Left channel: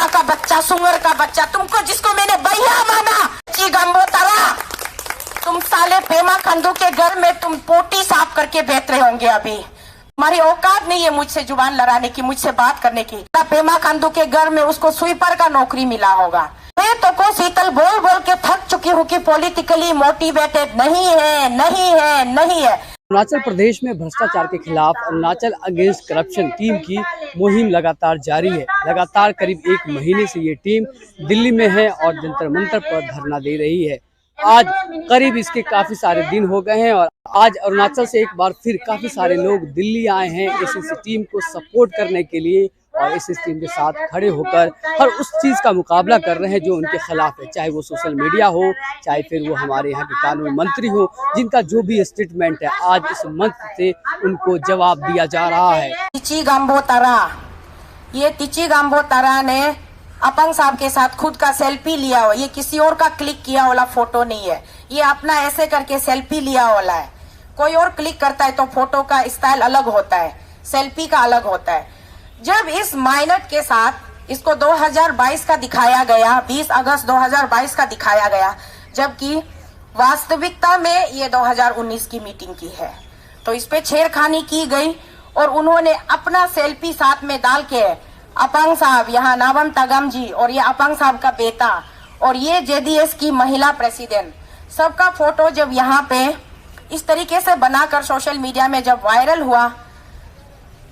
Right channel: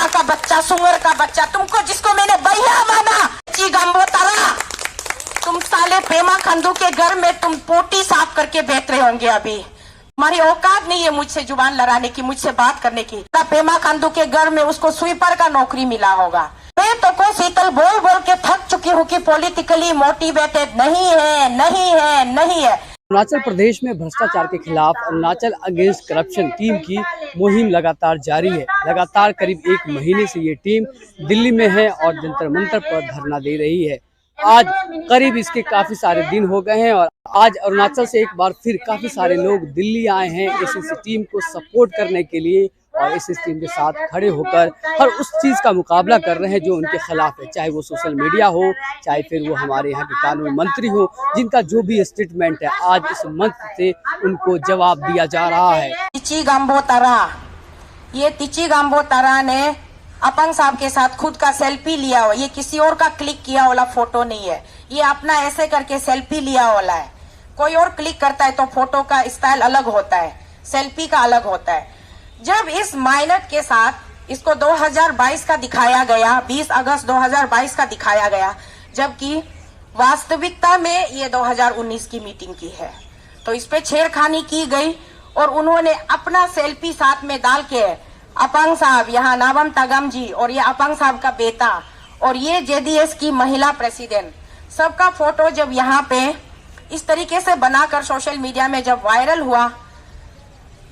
कुत्ता का बच्चा, सुअर का बच्चा, तुमको जिसको मैंने भैया माना, ची गंबो तारा, तुम साले पेमा खंडू के घर में तुम पोटी साफ करके बैठ रहे होंगे अभी। हमारी औकात नहीं है मुझसे जुबान लड़ाने की, मुझसे बात करने की। पेमा खंडू के घर में उसको स्वीपर का नौकरी मिला होगा। मैं तो को शीतल बोल बोल के थक चुकी हूँ कि पॉलिटिकली मोटिवेटेड नहीं है, नहीं है, नहीं है। अरुणाचल प्रदेश में भ्रष्टाचार के खिलाफ अरुणाचल अगेंस्ट करप्शन टीम की मुहिम लगातार जारी है। लगातार करीब 1 महीने से ये टीम दिल्ली में है और जंतर मंतर पर धरना दे रही है। आज करीब इसके काफी सारे दिन हो गए हैं और आज अरुणाचल से एक बार फिर काफी सारे लोग दिल्ली आए हैं इस टीम को सपोर्ट करने के लिए और इस टीम के साथ खड़े होकर हर उस चीज का मुकाबला कर रहे हैं जो उनके खिलाफ है, चाहे वो सोशल मीडिया हो, चाहे फिर वो हमारे यहाँ के कानून मंत्री हो, जिनका जो भी स्टेटमेंट है आज इस मंच से उनको जवाब दिया जा रहा है। तिची गांबो तारा, ये तिची गांबो तारा ने अपंग साहब के साथ खुद का सेल्फी लिया हो, ये किसी और का क्लिक किया वाला फोटो नहीं है, ये अपना ऐसे करके सेल्फी लिया वाला है। कोई और क्लिक करता है तो फोटो का स्टाइल अलग होता है, सेल्फी का अलग होता है। जब इस माइनर के साथ इसको 2022 का दिखाया गया, 20 अगस्त 2022 का दिखाया गया, जबकि वास्तविकता में ये 2019 की मीटिंग की है, तो इस पे छेड़खानी की गई और उन्होंने अपना सेल्फी साथ में डाल के अपंग साहब, यहाँ नावम तगम जी और ये अपंग साहब का बेटा और ये जेडीएस की महिला प्रेसिडेंट, सबका फोटो जब यहाँ पे इस तरीके से बनाकर सोशल मीडिया में जब वायरल हुआ,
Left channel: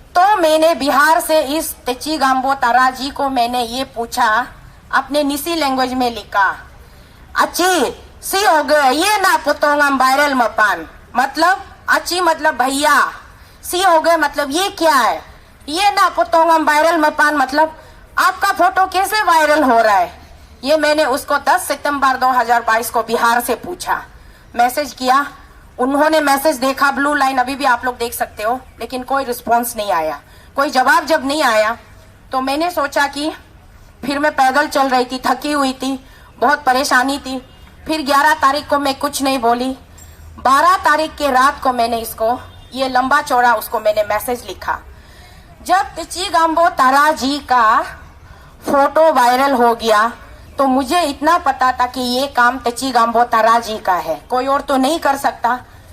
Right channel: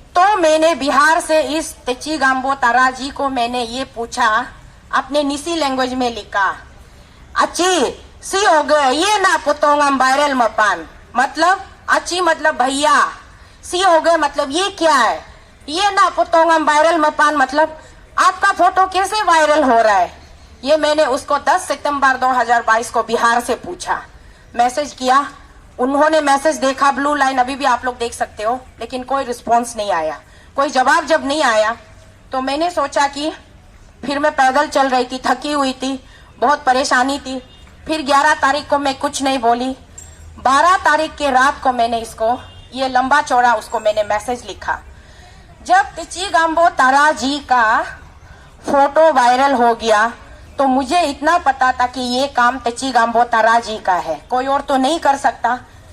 तो मैंने बिहार से इस तिची गांबो तारा जी को मैंने ये पूछा, अपने निसी लैंग्वेज में लिखा, अच्छी सी हो गए ये ना पुतोंगम वायरल मपान, मतलब अच्छी मतलब भैया, सी हो गए मतलब ये क्या है, ये ना पुतोंगम वायरल मपान मतलब आपका फोटो कैसे वायरल हो रहा है। ये मैंने उसको 10 सितंबर 2022 को बिहार से पूछा, मैसेज किया, उन्होंने मैसेज देखा, ब्लू लाइन अभी भी आप लोग देख सकते हो, लेकिन कोई रिस्पांस नहीं आया, कोई जवाब जब नहीं आया तो मैंने सोचा कि फिर मैं पैदल चल रही थी, थकी हुई थी, बहुत परेशानी थी। फिर 11 तारीख को मैं कुछ नहीं बोली, 12 तारीख के रात को मैंने इसको ये लंबा चौड़ा उसको मैंने मैसेज लिखा। जब तिची गांबो तारा जी का फोटो वायरल हो गया तो मुझे इतना पता था कि ये काम तिची गांबो तारा जी का है, कोई और तो नहीं कर सकता,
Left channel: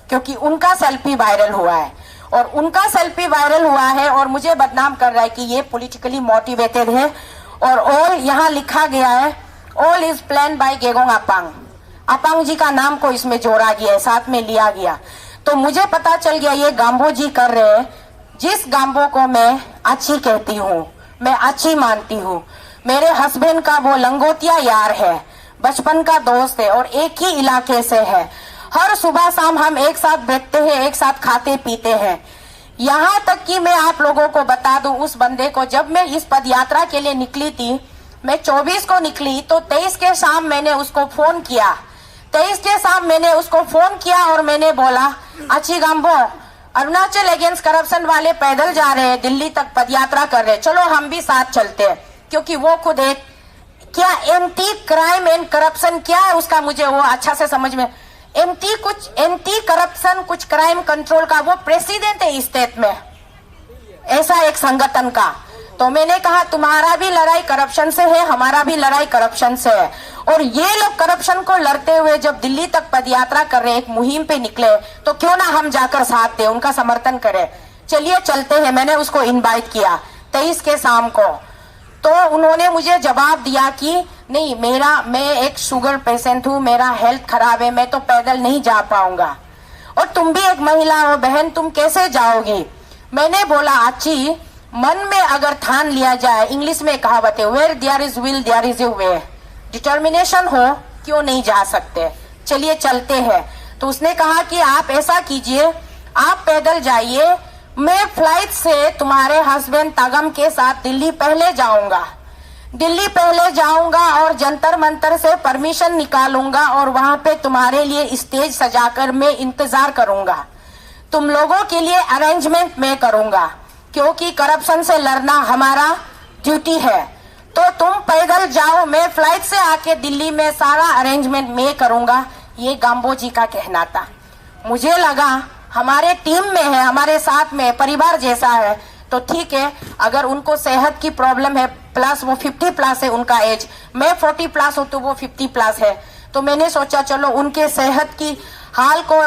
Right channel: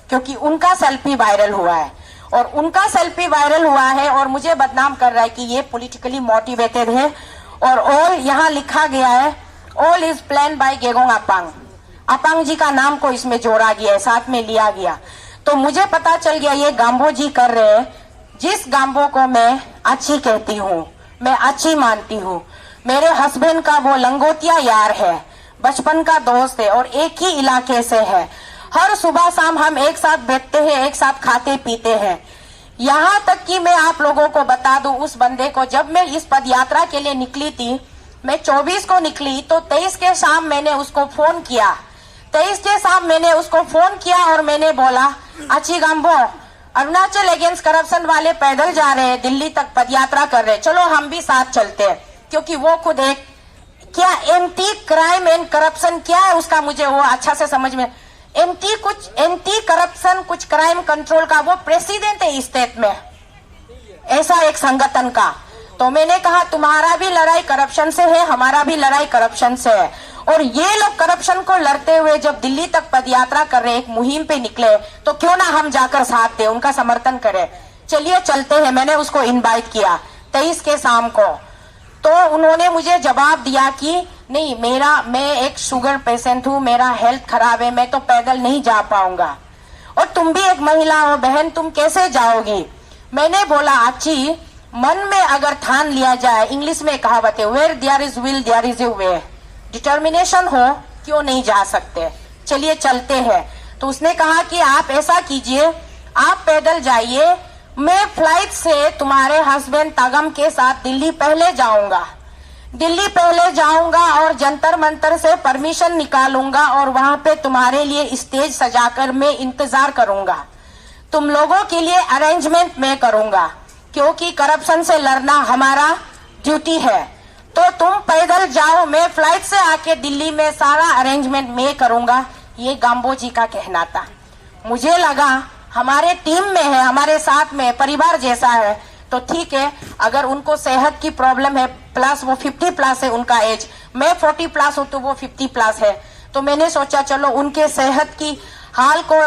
क्योंकि उनका सेल्फी वायरल हुआ है और उनका सेल्फी वायरल हुआ है और मुझे बदनाम कर रहा है कि ये पॉलिटिकली मोटिवेटेड है। और ऑल यहाँ लिखा गया है, all is plan by Gegong Apang, Apang ji का नाम को इसमें जोड़ा गया है, साथ में लिया गया। तो मुझे पता चल गया ये गांबो जी कर रहे हैं, जिस गांबो को मैं अच्छी कहती हूँ, मैं अच्छी मानती हूँ, मेरे हस्बैंड का वो लंगोटिया यार है, बचपन का दोस्त है और एक ही इलाके से है, हर सुबह शाम हम एक साथ बैठते हैं, एक साथ खाते पीते हैं। यहाँ तक कि मैं आप लोगों को बता दूं, उस बंदे को जब मैं इस पद यात्रा के लिए निकली थी, मैं 24 को निकली तो 23 के शाम मैंने उसको फोन किया, 23 के शाम मैंने उसको फोन किया और मैंने बोला, अच्छी गांबो अरुणाचल अगेंस्ट करप्शन वाले पैदल जा रहे हैं, दिल्ली तक पदयात्रा कर रहे हैं, चलो हम भी साथ चलते हैं। क्योंकि वो खुद एक क्या एंटी क्राइम एंड करप्शन क्या है उसका मुझे वो अच्छा से समझ में, एंटी करप्शन कुछ क्राइम कंट्रोल का वो प्रेसिडेंट है स्टेट में, ऐसा एक संगठन का। तो मैंने कहा तुम्हारा भी लड़ाई करप्शन से है, हमारा भी लड़ाई करप्शन से है, और ये लोग करप्शन को लड़ते हुए जब दिल्ली तक पदयात्रा कर रहे, एक मुहिम पे निकले, तो क्यों ना हम जाकर साथ दें, उनका समर्थन करें, चलिए चलते हैं। मैंने उसको इनवाइट किया 23 के शाम को, तो उन्होंने मुझे जवाब दिया कि नहीं, मैं एक शुगर पेशेंट हूँ, मेरा हेल्थ खराब है, मैं तो पैदल नहीं जा पाऊंगा, और तुम भी एक महिला हो बहन, तुम कैसे जाओगी। मैंने बोला, अच्छी मन में अगर ठान लिया जाए, इंग्लिश में कहावत है, where there is will there is a way, determination हो क्यों नहीं जा सकते, चलिए चलते हैं। तो उसने कहा कि आप ऐसा कीजिए, आप पैदल जाइए, मैं फ्लाइट से तुम्हारे हस्बैंड तगम के साथ दिल्ली पहले जाऊंगा और जंतर मंतर से परमिशन निकालूंगा और वहां पे तुम्हारे लिए स्टेज सजाकर मैं इंतजार करूंगा, तुम लोगों के लिए अरेंजमेंट मैं करूंगा, क्योंकि करप्शन से लड़ना हमारा ड्यूटी है। तो तुम पैदल जाओ, मैं फ्लाइट से आके दिल्ली में सारा अरेंजमेंट मैं करूंगा, ये गांबो जी का कहना था। मुझे लगा हमारे टीम में है, हमारे साथ में परिवार जैसा है, तो ठीक है, अगर उनको सेहत की प्रॉब्लम है, प्लस वो 50 प्लस है उनका एज, मैं 40 प्लस हूँ तो वो 50 प्लस है, तो मैंने सोचा चलो उनके सेहत की हाल को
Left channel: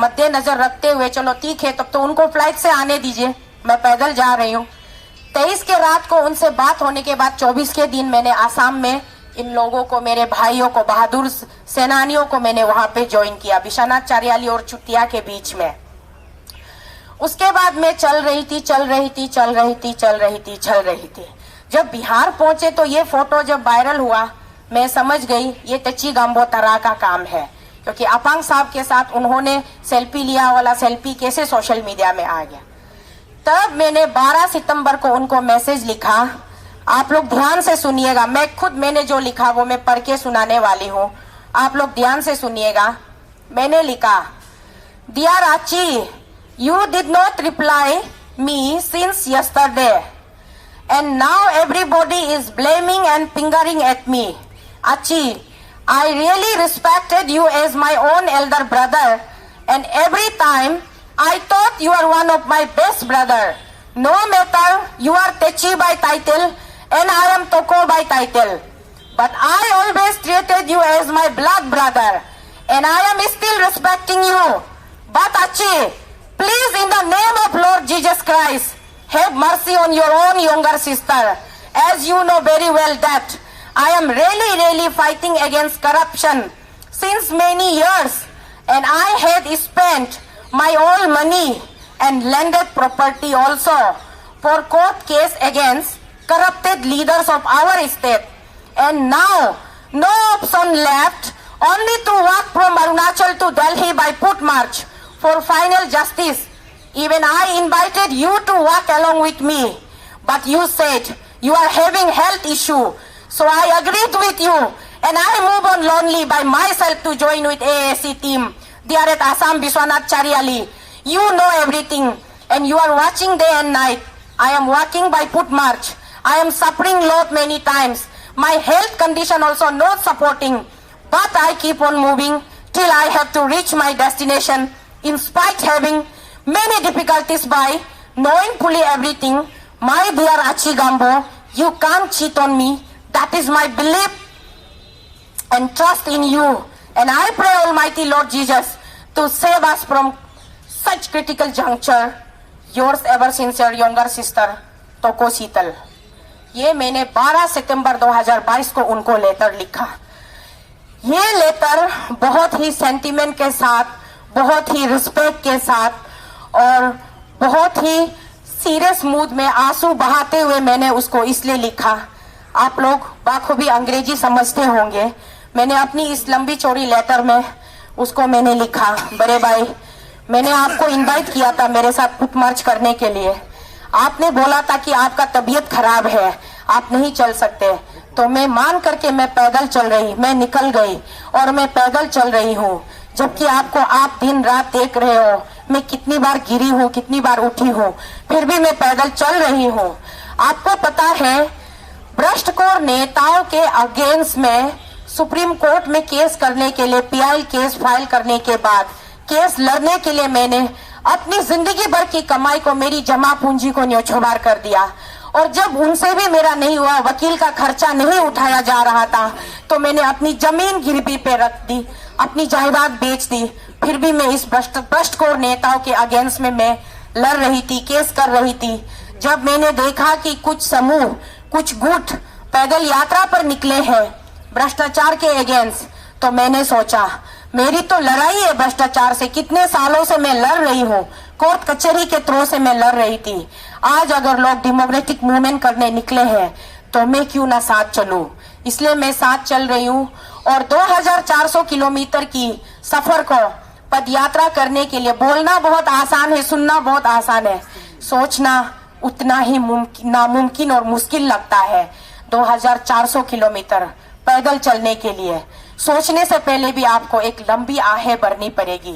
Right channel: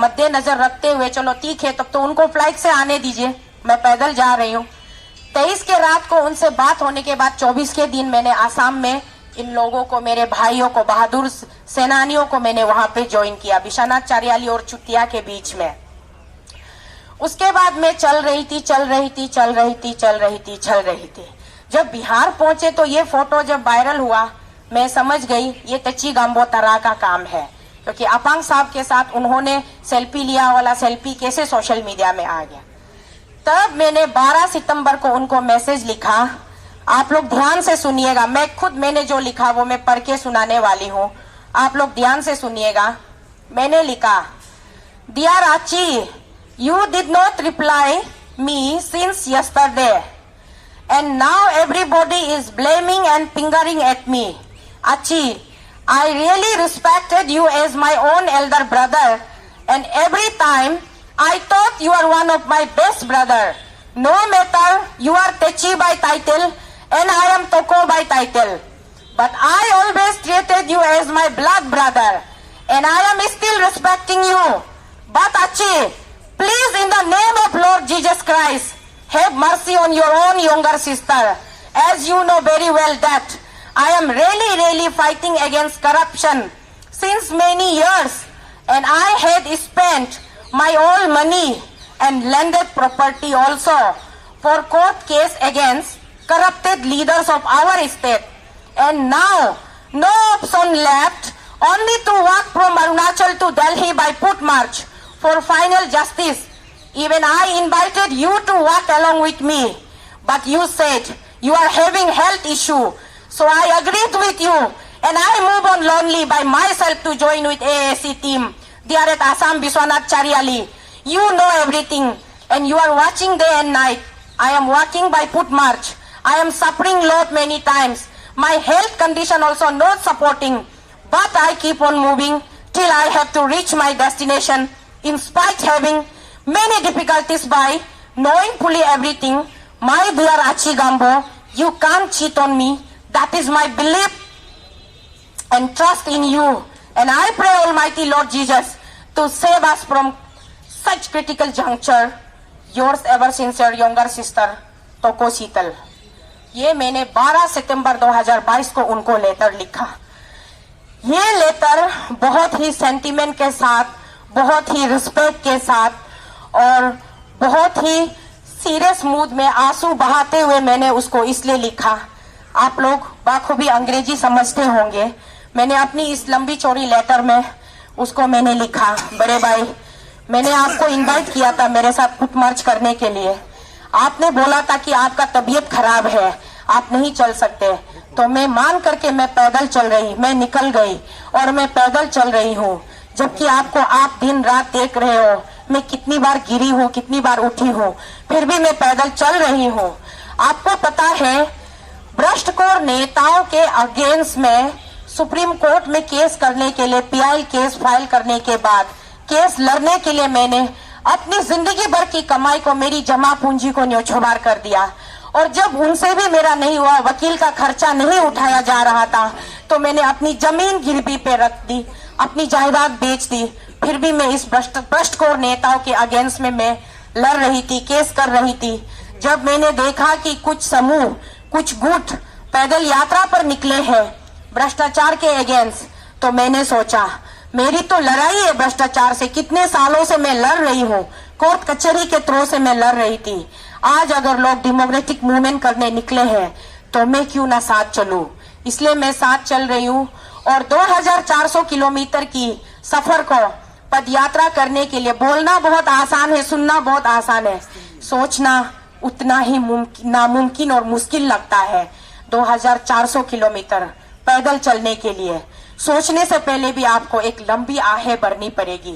मद्देनजर रखते हुए चलो ठीक है, तब तो उनको फ्लाइट से आने दीजिए, मैं पैदल जा रही हूँ। 23 के रात को उनसे बात होने के बाद 24 के दिन मैंने आसाम में इन लोगों को, मेरे भाइयों को, बहादुर सेनानियों को मैंने वहां पे ज्वाइन किया, विश्वनाथ चारियाली और चुटिया के बीच में। उसके बाद मैं चल रही थी। जब बिहार पहुंचे तो ये फोटो जब वायरल हुआ, मैं समझ गई ये तेची गांबो तरा का काम है, क्योंकि अपांग साहब के साथ उन्होंने सेल्फी लिया वाला सेल्फी कैसे सोशल मीडिया में आ गया। तब मैंने 12 सितंबर को उनको मैसेज लिखा, आप लोग ध्यान से सुनिएगा, मैंने जो लिखा वो मैं पढ़ के सुनाने वाली हूँ, आप लोग ध्यान से सुनिएगा। मैंने लिखा, dear Aachi, you did not reply me since yesterday and now everybody is blaming and fingering at me. Achi, I really respected you as my own elder brother and every time I thought you are one of my best brother. No matter you are Techi by title and I am Toko by title. But I always treated you as my blood brother and I am still respecting you. But Achi, please, in the name of Lord Jesus Christ, have mercy on your own younger sister. As you know very well that I am really fighting against corruption since many years and I had spent my own money and landed property also for court case against corrupted leaders of our state. And now, no option left, only to walk from Arunachal to Delhi by foot march for final justice. Even I invited you to walk along with me, but you said you are having health issue, so I agreed with you and I move on lonely by myself to join with AAC team there at Assam Biswanath Chariali. You know everything and you are watching day and night. I am walking by foot march. I am suffering lot many times. My health condition also not supporting, but I keep on moving till I have to reach my destination in spite having many difficulties by knowing fully everything. My dear Achi Gambo, you can't cheat on me. That is my belief and trust in you. And I pray Almighty Lord Jesus to save us from such critical juncture. Yours ever sincere younger sister, Toko Sheetal. ये मैंने 12 सितंबर 2022 को उनको letter लिखा। ये letter बहुत ही sentiment के साथ, बहुत ही रिस्पेक्ट के साथ और बहुत ही सीरियस मूड में आंसू बहाते हुए मैंने उसको इसलिए लिखा। आप लोग बाखूबी अंग्रेजी समझते होंगे। मैंने अपनी इस लंबी चौड़ी लेटर में उसको मैंने लिखा, बड़े भाई, मैंने आपको इनवाइट किया था मेरे साथ फुट मार्च करने के लिए। आपने बोला था कि आपका तबीयत खराब है, आप नहीं चल सकते, तो मैं मान करके मैं पैदल चल रही, मैं निकल गई और मैं पैदल चल रही हूँ। जबकि आपको आप दिन रात देख रहे हो मैं कितनी बार गिरी हूँ, कितनी बार उठी हूँ, फिर भी मैं पैदल चल रही हूँ। आपको पता है भ्रष्टखोर नेताओं के अगेंस्ट में सुप्रीम कोर्ट में केस करने के लिए, पीआई केस फाइल करने के बाद केस लड़ने के लिए मैंने अपनी जिंदगी भर की कमाई को, मेरी जमा पूंजी को न्योछावर कर दिया। और जब उनसे भी मेरा नहीं हुआ, वकील का खर्चा नहीं उठाया जा रहा था, तो मैंने अपनी जमीन गिरवी पे रख दी, अपनी जायदाद बेच दी। फिर भी मैं इस भ्रष्टखोर नेताओं के अगेंस्ट में मैं लड़ रही थी, केस कर रही थी। जब मैंने देखा कि कुछ समूह, कुछ गुट पैदल यात्रा पर निकले हैं भ्रष्टाचार के अगेंस्ट, तो मैंने सोचा मेरी तो लड़ाई है भ्रष्टाचार से, कितने सालों से मैं लड़ रही हूँ, कोर्ट कचहरी के थ्रू से मैं लड़ रही थी। आज अगर लोग डेमोक्रेटिक मूवमेंट करने निकले हैं तो मैं क्यों ना साथ चलूं। इसलिए मैं साथ चल रही हूँ और 2400 किलोमीटर की सफर को पदयात्रा करने के लिए, बोलना बहुत आसान है, सुनना बहुत आसान है, सोचना उतना ही नामुमकिन और मुश्किल लगता है। 2400 किलोमीटर पैदल चलने के लिए सोचने से पहले भी आपको एक लंबी आहें भरनी पड़ेगी,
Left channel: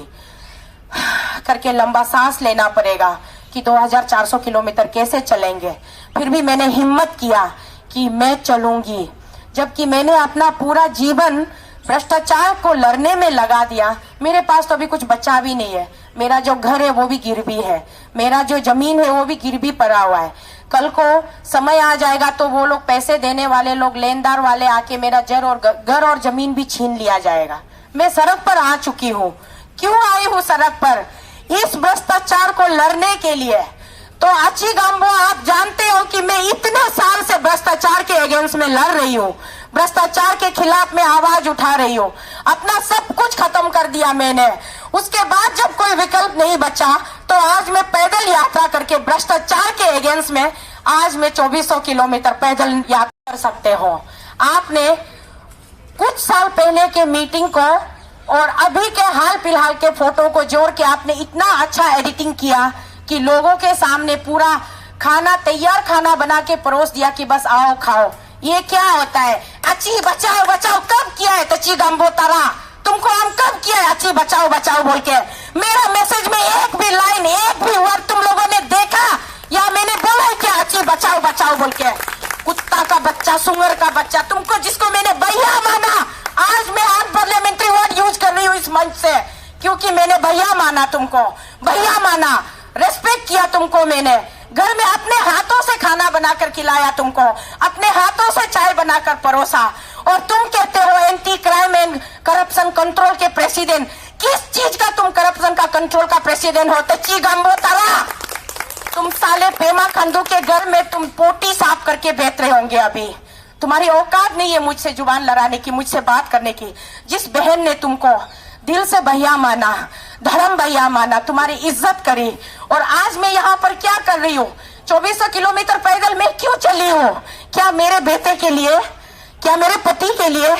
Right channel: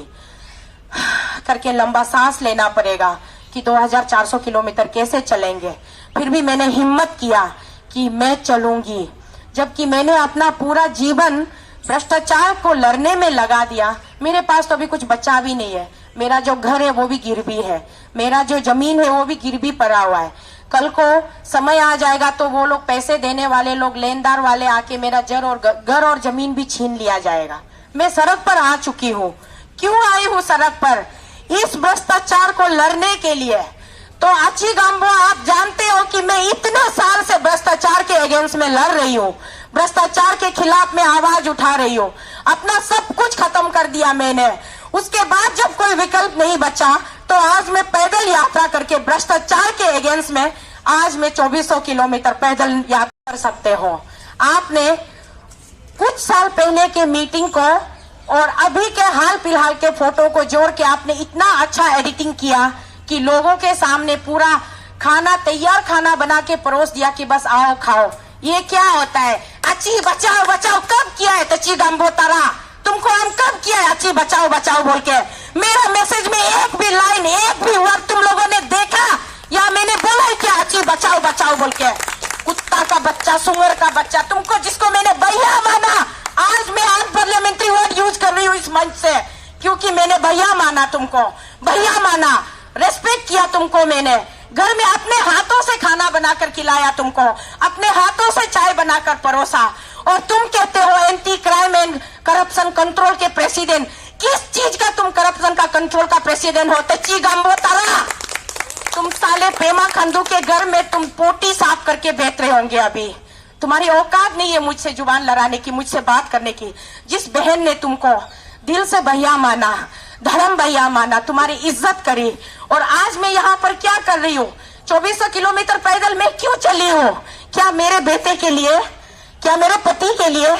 करके लंबा सांस लेना पड़ेगा कि 2400 किलोमीटर कैसे चलेंगे। फिर भी मैंने हिम्मत किया कि मैं चलूंगी, जबकि मैंने अपना पूरा जीवन भ्रष्टाचार को लड़ने में लगा दिया। मेरे पास तो अभी कुछ बचा भी नहीं है। मेरा जो घर है वो भी गिरवी है, मेरा जो जमीन है वो भी गिरवी पड़ा हुआ है। कल को समय आ जाएगा तो वो लोग पैसे देने वाले लोग, लेनदार वाले आके मेरा घर और जमीन भी छीन लिया जाएगा। मैं सड़क पर आ चुकी हूँ। क्यों आई हूँ सड़क पर? इस भ्रष्टाचार को लड़ने के लिए। तो अच्छी गांबो, आप जानते हो कि मैं इतने साल से भ्रष्टाचार के अगेंस्ट में लड़ रही हूँ, भ्रष्टाचार के खिलाफ मैं आवाज उठा रही हूँ। अपना सब कुछ खत्म कर दिया मैंने। उसके बाद जब कोई विकल्प नहीं बचा तो आज मैं पैदल यात्रा करके भ्रष्टाचार के अगेंस्ट में आज मैं 2400 किलोमीटर पैदल यात्रा कर सकते हो। आपने कुछ साल पहले के मीटिंग को और अभी के हाल फिलहाल के फोटो को जोड़ के आपने इतना अच्छा एडिटिंग किया कि लोगों के सामने पूरा खाना, तैयार खाना बना के परोस दिया कि बस आओ खाओ। ये क्या होता है? अच्छी बचाओ बचाओ कब किया है तची गांबो तारा? तुमको हम कब किया है अच्छी बचाओ बचाओ बोल के? मेरा मैसेज में एक भी लाइन, एक भी वर्ड तुम लोगों ने देखा या मैंने बोला है क्या अच्छी बचाओ बचाओ बोल के? कुत्ता का बच्चा, सुअर का बच्चा, तुमको जिसको मैंने भैया माना, आज मैं अनपार्लियामेंट्री वर्ड यूज कर रही हूँ इस मंच से, क्योंकि मैंने भैया माना तुमको, भैया माना, रेस्पेक्ट किया तुमको। मैंने घर में अपने हाथों से खाना बनाकर खिलाया तुमको, अपने हाथों से चाय बनाकर परोसा, और तुम कहते हो anti crime and corruption control के प्रेसिडेंट। किस चीज का तुम करप्शन का कंट्रोल का प्रेसिडेंट हो? तची गांबो तारा, तुम साले पेमा खंडू के घर में तुम पोटी साफ करके बेच रहे होंगे। अभी तुम्हारी औकात नहीं है मुझसे जुबान लड़ाने की, मुझसे बात करने की। जिस बहन ने तुमको दिल से भैया माना, धर्म भैया माना, तुम्हारी इज्जत करी, और आज मैं यहाँ पर क्या कर रही हूँ? 2400 किलोमीटर पैदल मैं क्यों चली हूँ? क्या मेरे बेटे के लिए? क्या मेरे पति के लिए?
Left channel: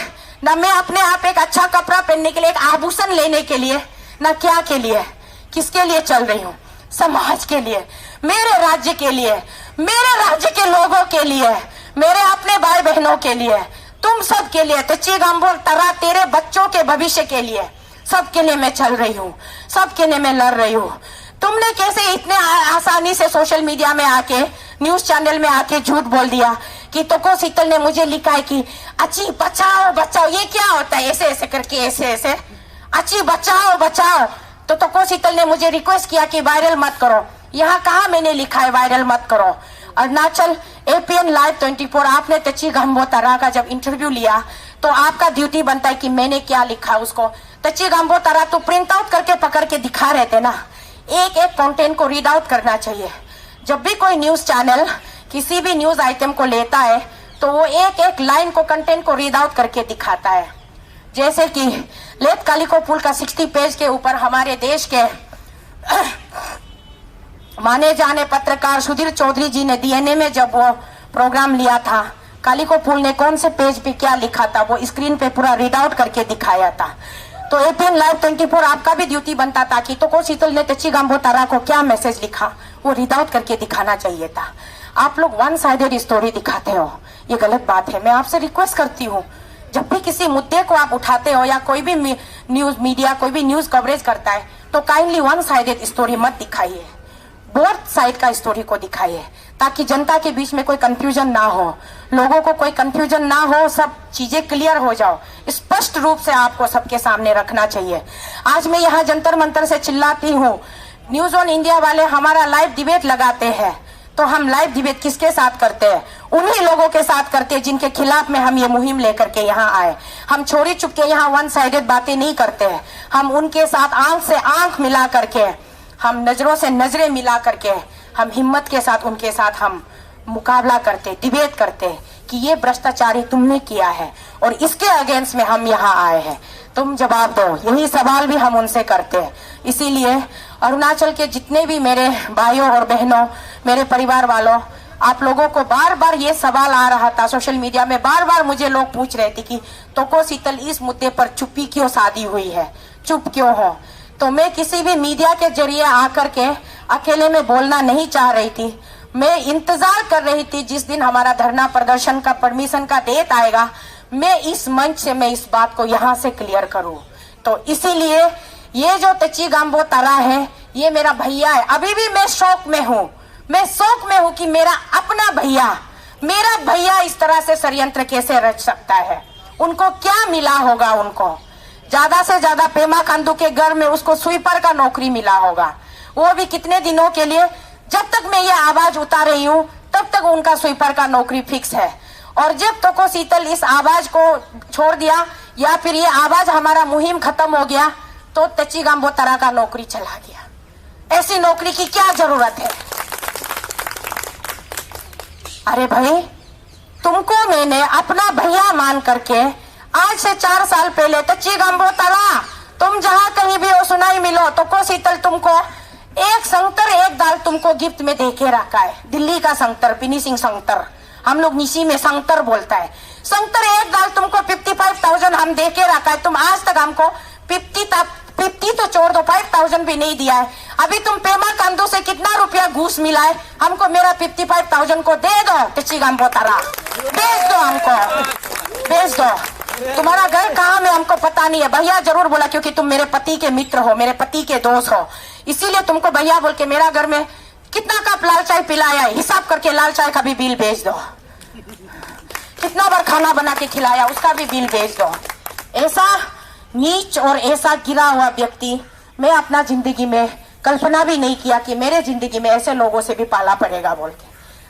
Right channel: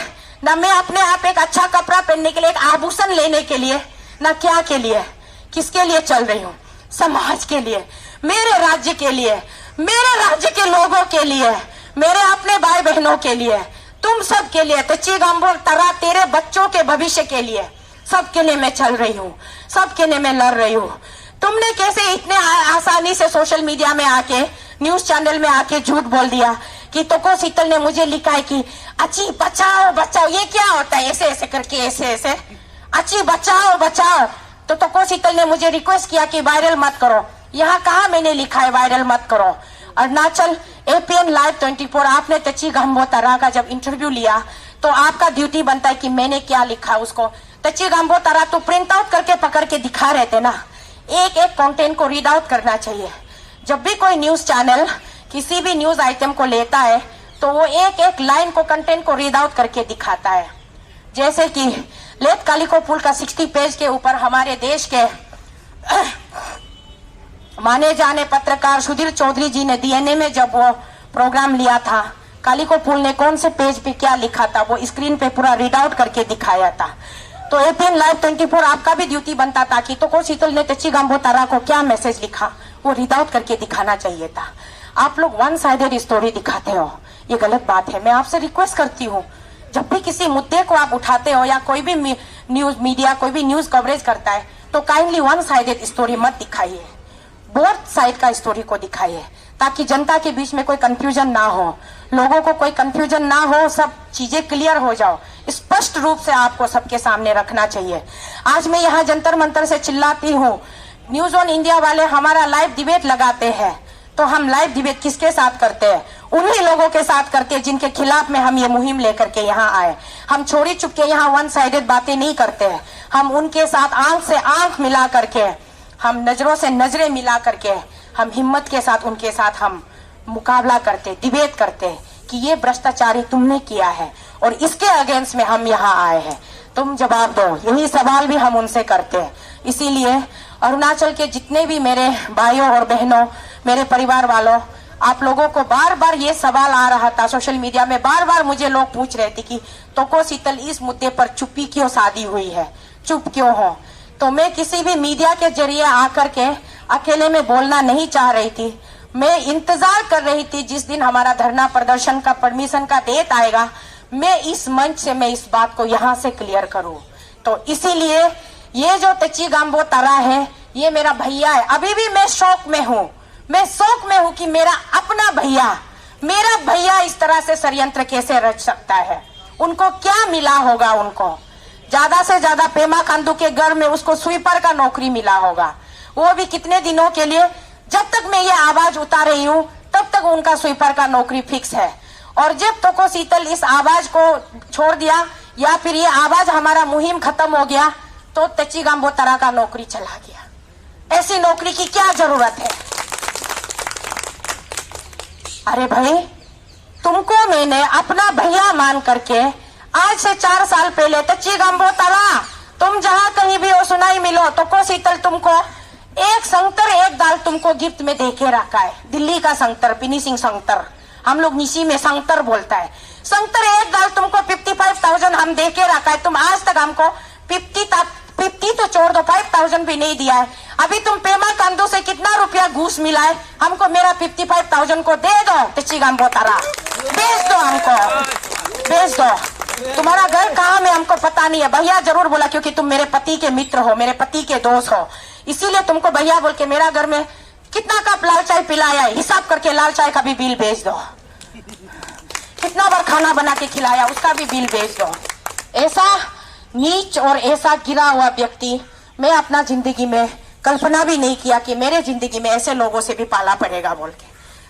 ना मैं अपने आप एक अच्छा कपड़ा पहनने के लिए, एक आभूषण लेने के लिए, ना क्या के लिए? किसके लिए चल रही हूँ? समाज के लिए, मेरे राज्य के लिए, मेरे राज्य के लोगों के लिए, मेरे अपने भाई बहनों के लिए, तुम सब के लिए, तची गांबो तारा, तेरे बच्चों के भविष्य के लिए, सबके लिए मैं चल रही हूँ, सबके लिए मैं लड़ रही हूँ। तुमने कैसे इतने आसानी से सोशल मीडिया में आके, न्यूज चैनल में आके झूठ बोल दिया कि तोको शीतल ने मुझे लिखा है कि अच्छी बचाओ बचाओ। ये क्या होता है? ऐसे ऐसे करके, ऐसे ऐसे अच्छी बचाओ बचाओ। तो तोको शीतल ने मुझे रिक्वेस्ट किया कि वायरल मत करो। यहाँ कहा मैंने लिखा है वायरल मत करो? अरुणाचल APN Live 24, आपने तची गांबो तारा का जब इंटरव्यू लिया तो आपका ड्यूटी बनता है कि मैंने क्या लिखा उसको। तची गांबो तारा तो प्रिंट आउट करके पकड़ के दिखा रहे थे ना। एक एक कंटेंट को रीड आउट करना चाहिए। जब भी कोई न्यूज चैनल किसी भी न्यूज आइटम को लेता है तो वो एक एक लाइन को, कंटेंट को रीड आउट करके दिखाता है। जैसे कि लेट कालिको पुल का 60 पेज के ऊपर हमारे देश के माने जाने पत्रकार सुधीर चौधरी जी ने DNA में जब वो प्रोग्राम लिया था, कालिको पुल ने कौन से पेज पे क्या लिखा था वो स्क्रीन पे पूरा रीड आउट करके दिखाया था। तो APN Live 24 आपका भी ड्यूटी बनता था कि तो शीतल ने तची गांबो तारा को क्या मैसेज लिखा वो रीड आउट करके दिखाना चाहिए था। आप लोग वन साइडेड स्टोरी दिखाते हो, ये गलत बात है। मैं आपसे रिक्वेस्ट करती हूँ, जब भी किसी मुद्दे को आप उठाते हो या कोई भी न्यूज मीडिया कोई भी न्यूज कवरेज करता है तो काइंडली वन साइडेड स्टोरी मत दिखाइए, बोथ साइड का स्टोरी को दिखाइए, ताकि जनता के बीच में कोई कंफ्यूजन ना हो, लोगों को कोई कंफ्यूजन ना हो, सब चीजें क्लियर हो जाओ। स्पष्ट रूप से आपको सबके सामने रखना चाहिए। आज मैं यहाँ जंतर मंतर से चिल्लाती हूँ, न्यूज ऑन इंडिया वाले हमारा लाइव डिबेट लगाते हैं, तो हम लाइव डिबेट किसके साथ करते हैं? उन्हीं लोगों के साथ करते हैं जिनके खिलाफ में हम ये मुहिम लेकर के यहाँ आए। हम छोरी चुप के यहाँ वन साइडेड बातें नहीं करते हैं। हम उनके साथ आंख से आंख मिला करके, हम नजरों से नजरें मिला करके, हम हिम्मत के साथ उनके साथ हम मुकाबला करते, डिबेट करते कि ये भ्रष्टाचारी तुमने किया है और इसके अगेंस्ट में हम यहाँ आए हैं, तुम जवाब दो। यही सवाल भी हम उनसे करते हैं। इसीलिए अरुणाचल के जितने भी मेरे भाइयों और बहनों, मेरे परिवार वालों, आप लोगों को बार बार ये सवाल आ रहा था सोशल मीडिया में, बार बार मुझे लोग पूछ रहे थे कि तोको शीतल इस मुद्दे पर चुप्पी क्यों साधी हुई है, चुप क्यों हो? तो मैं किसी भी मीडिया के जरिए आकर के अकेले में बोलना नहीं चाह रही थी। मैं इंतजार कर रही थी जिस दिन हमारा धरना प्रदर्शन का परमिशन का डेट आएगा, मैं इस मंच से मैं इस बात को यहाँ से क्लियर करूं। तो इसीलिए ये जो तची गांबो तारा है ये मेरा भैया है। अभी भी मैं शौक में हूँ, मैं शौक में हूँ कि मेरा अपना भैया, मेरा भैया इस तरह से षड्यंत्र कैसे रच सकता है। उनको क्या मिला होगा? उनको ज्यादा से ज्यादा पेमा खांडू के घर में उसको स्वीपर का नौकरी मिला होगा, वो भी कितने दिनों के लिए। जब तक मैं ये आवाज उतार रही हूँ तब तक उनका स्वीपर का नौकरी फिक्स है। और जब तको शीतल इस आवाज को छोड़ दिया या फिर ये आवाज हमारा मुहिम खत्म हो गया तो तची गांबो तरा का नौकरी चला गया। ऐसी नौकरी की क्या जरूरत है? अरे भाई, तुमको मैंने अपना भैया मान करके आज से 4 साल पहले तची गांबो तरा तुम जहां कहीं भी हो सुनाई मिलो तो को शीतल तुमको एक संतर एक दाल तुमको गिफ्ट में देके रखा है। दिल्ली का संतर, फिनिशिंग संतर, हम लोग निशी में संतर बोलता है। संतर एक दाल तुमको 55,000 हम देके रखा है। तुम आज तक हमको 50 तो छोड़ दो, 5,000 भी नहीं दिया है। अभी तुम पेमा खांडू से कितना रुपया घूस मिला है? हमको मेरा 55,000 को दे दो। तची गांबो तरा बेच दो, हमको बेच दो। तुम्हारा घर कहाँ में हमको पता नहीं है। भैया जरूर बोला क्योंकि तुम मेरे पति के मित्र हो, मेरे पति के दोस्त हो, इसीलिए तुमको भैया बोल के मेरा घर में कितना कप लाल चाय पिलाया है हिसाब करके लाल चाय का भी बिल भेज दो। कितना बार खाना बना के खिलाया उसका भी बिल भेज दो। ऐसा नीच और ऐसा गिरा हुआ व्यक्ति मैं अपना जिंदगी में कल्पना भी नहीं किया कि मेरे जिंदगी में ऐसे लोगों से भी पाला पड़ेगा बोल के।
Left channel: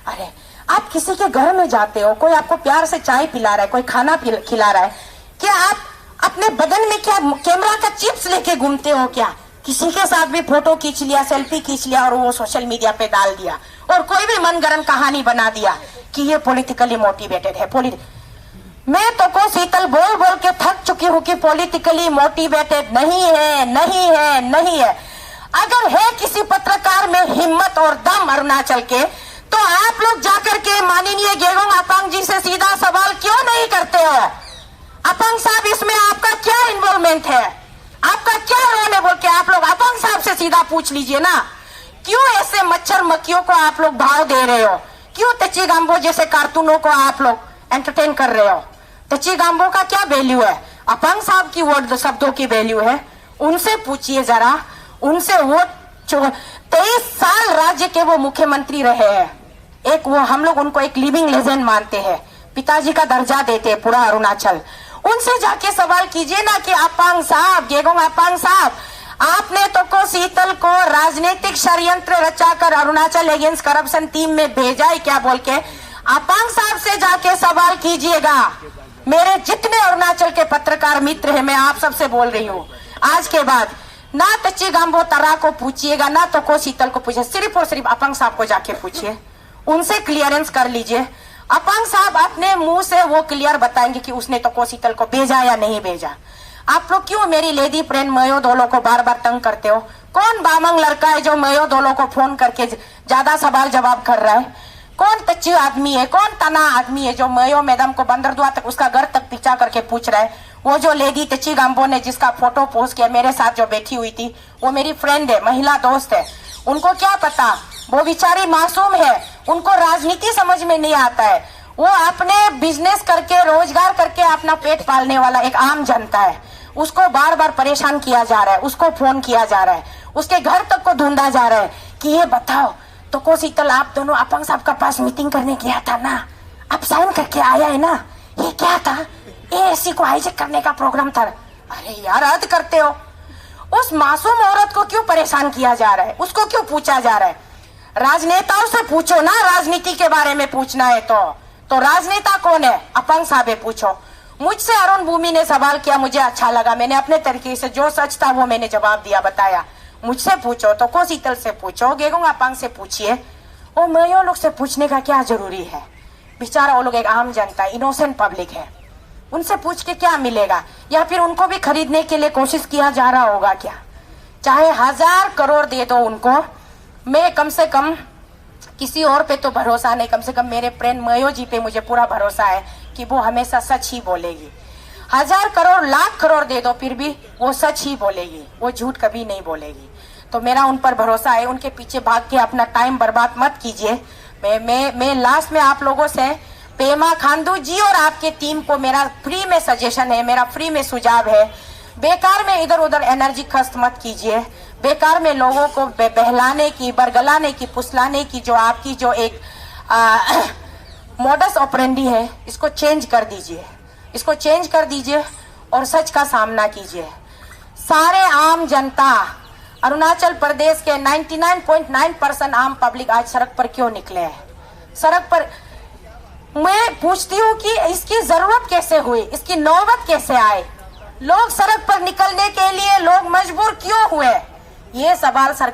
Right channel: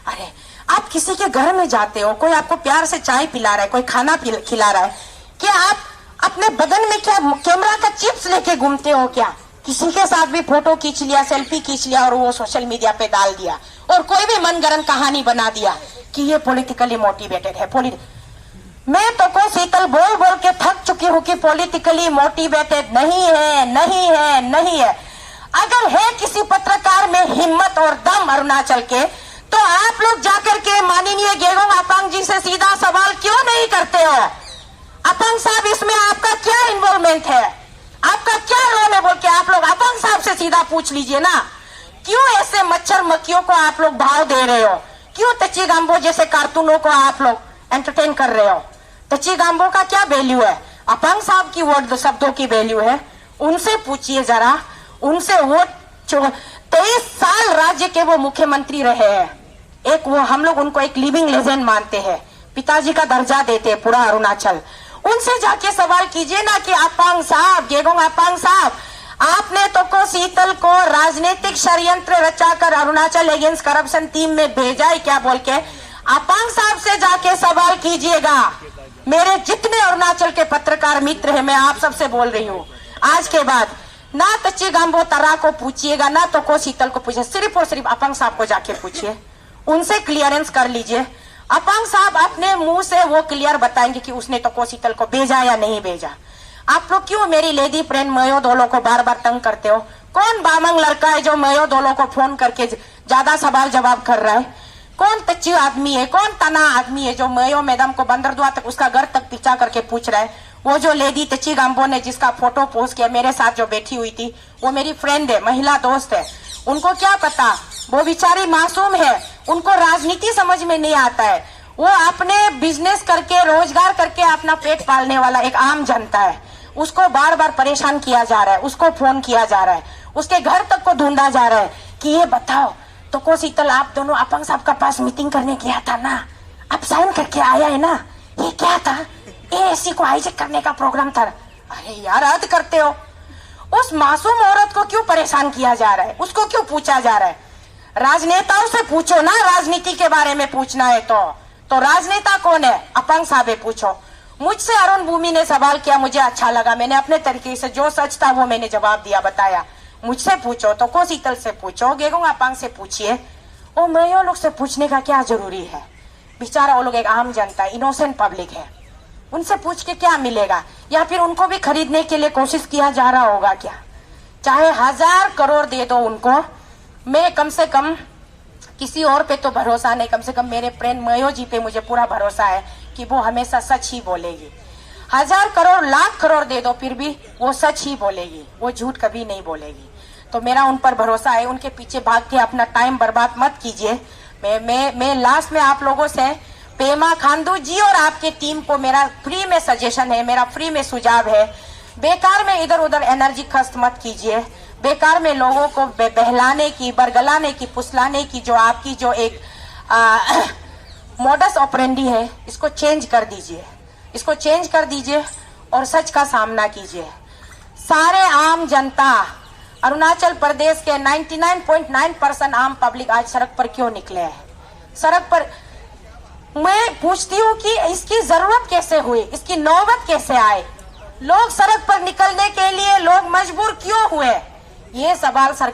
अरे आप किसी के घर में जाते हो, कोई आपको प्यार से चाय पिला रहा है, कोई खाना खिला रहा है, क्या आप अपने बदन में क्या कैमरा का चिप्स लेके घूमते हो? क्या किसी के साथ भी फोटो खींच लिया, सेल्फी खींच लिया और वो सोशल मीडिया पे डाल दिया और कोई भी मनगढ़ंत कहानी बना दिया कि ये पॉलिटिकली मोटिवेटेड है। मैं तो को शीतल बोल बोल के थक चुकी हूँ कि पॉलिटिकली मोटिवेटेड नहीं है, नहीं है, नहीं है। अगर है किसी पत्रकार में हिम्मत और दम अरुणाचल के, तो आप लोग जाकर के माननीय गेगोंग अपांग जी से सीधा सवाल क्यों नहीं करते हो? अपांग साहब, इसमें आपका क्या इन्वॉल्वमेंट है, आपका क्या रोल है बोल के आप लोग अपांग साहब से सीधा पूछ लीजिए ना। क्यों ऐसे मच्छर मक्खियों को आप लोग भाव दे रहे हो? क्यों तची गांबो जैसे कार्टूनों को आप लोग एंटरटेन कर रहे हो? तची गांबो का क्या वैल्यू है? अपांग साहब की वर्ड शब्दों की वैल्यू है। उनसे पूछिए जरा, उनसे वो 23 साल राज्य के वो मुख्यमंत्री रहे हैं। एक वो हम लोग उनको एक लिविंग लेजेंड मानते हैं, पिताजी का दर्जा देते हैं पूरा अरुणाचल। उनसे जाके सवाल कीजिए ना कि अपांग साहब, गेगोंग अपांग साहब, आपने तो को शीतल को राजनीतिक षड्यंत्र रचाकर अरुणाचल अगेंस्ट करप्शन टीम में भेजा है क्या बोल के अपांग साहब से जाके सवाल कीजिएगा। मेरे जितने अरुणाचल के पत्रकार मित्र हैं, मैं आप सबसे बोल रही हूँ, आज के बाद ना तची गांबो तरा को पूछिएगा ना तो को शीतल को पूछिए, सिर्फ और सिर्फ अपांग साहब को जाके पूछिए, उनसे क्लियरेंस कर लीजिए। अपांग साहब अपने मुंह से वो क्लियर बताएंगे कि उसने तो को शीतल को भेजा या नहीं भेजा। आप लोग क्यों मेरी लेडी फ्रेंड मयो दोलो को बार बार तंग करते हो? कौन बामंग लड़का है जो मयो दोलो को फोन करके ज्यादा सवाल जवाब कर रहा है? कौन तच्ची आदमी है, कौन तना आदमी है जो मयो मैडम को बंदरदुआ तक उसका घर तक पीछा करके पूछ रहा है? वो जो लेडी तच्ची गांबो ने जिसका फोटो पोस्ट किया मेरे साथ जो बैठी हुई थी, वो मेरी फ्रेंड है, महिला दोस्त है। उनको क्या पता, वो बेचारी मासूम है, उनको राजनीति समझ में नहीं आता है। वो अपने बिजनेस करके रोजगार करके अपना पेट पालने वाला एक आम जनता है। उसको बार बार परेशान किया जा रहा है, उसको फोन किया जा रहा है, उसके घर तक को ढूंढा जा रहा है कि ये बताओ तो को शीतल आप दोनों अपांग साहब का पास मीटिंग करने गया था ना, आप साइन करके आया है ना, ये क्या था? एएससी को हाईजैक करने का प्रोग्राम था। अरे यार हद करते हो। उस मासूम औरत को क्यों परेशान किया जा रहा है? उसको क्यों पूछा जा रहा है? राजनेताओं से पूछो ना, राजनीति के बारे में पूछना है तो राजनेता कौन है? अपांग साहब है, पूछो। मुझसे अरुण भूमि ने सवाल किया, मुझे अच्छा लगा, मैंने अपने तरीके से जो सच था वो मैंने जवाब दिया, बताया। मुझसे पूछो तो को शीतल से पूछो, गेगोंग अपांग से पूछिए, वो मयो लोग से पूछने का क्या जरूरी है? बेचारा वो लोग एक आम जनता है, इनोसेंट पब्लिक है, उनसे पूछ के क्या मिलेगा? या फिर उनको भी खरीदने के लिए कोशिश किया जा रहा होगा क्या? चाहे 1000 करोड़ दे दो उनको, मैं कम से कम किसी और पे तो भरोसा नहीं, कम से कम मेरे फ्रेंड मयो जी पे मुझे पूरा भरोसा है कि वो हमेशा सच ही बोलेगी। 1000 करोड़ लाख करोड़ दे दो फिर भी वो सच ही बोलेगी, वो झूठ कभी नहीं बोलेगी। तो मेरा उन पर भरोसा है, उनके पीछे भाग के अपना टाइम बर्बाद मत कीजिए। मैं लास्ट में आप लोगों से पेमा खांडू जी और आपके टीम को मेरा फ्री में सजेशन है, मेरा फ्री में सुझाव है, बेकार में इधर उधर एनर्जी खर्च मत कीजिए। बेकार में लोगों को बहलाने की, बरगलाने की, फुसलाने की जो आपकी जो एक मोडस ऑपरेंडी है, इसको चेंज कर दीजिए। इसको चेंज कर दीजिए और सच का सामना कीजिए। सारे आम जनता, अरुणाचल प्रदेश के 99.9% आम पब्लिक आज सड़क पर क्यों निकले हैं? सड़क पर मैं पूछती हूँ कि इसकी जरूरत कैसे हुई, इसकी नौबत कैसे आए, लोग सड़क पर निकलने के लिए लोग मजबूर क्यों हुए? ये सवाल सरकार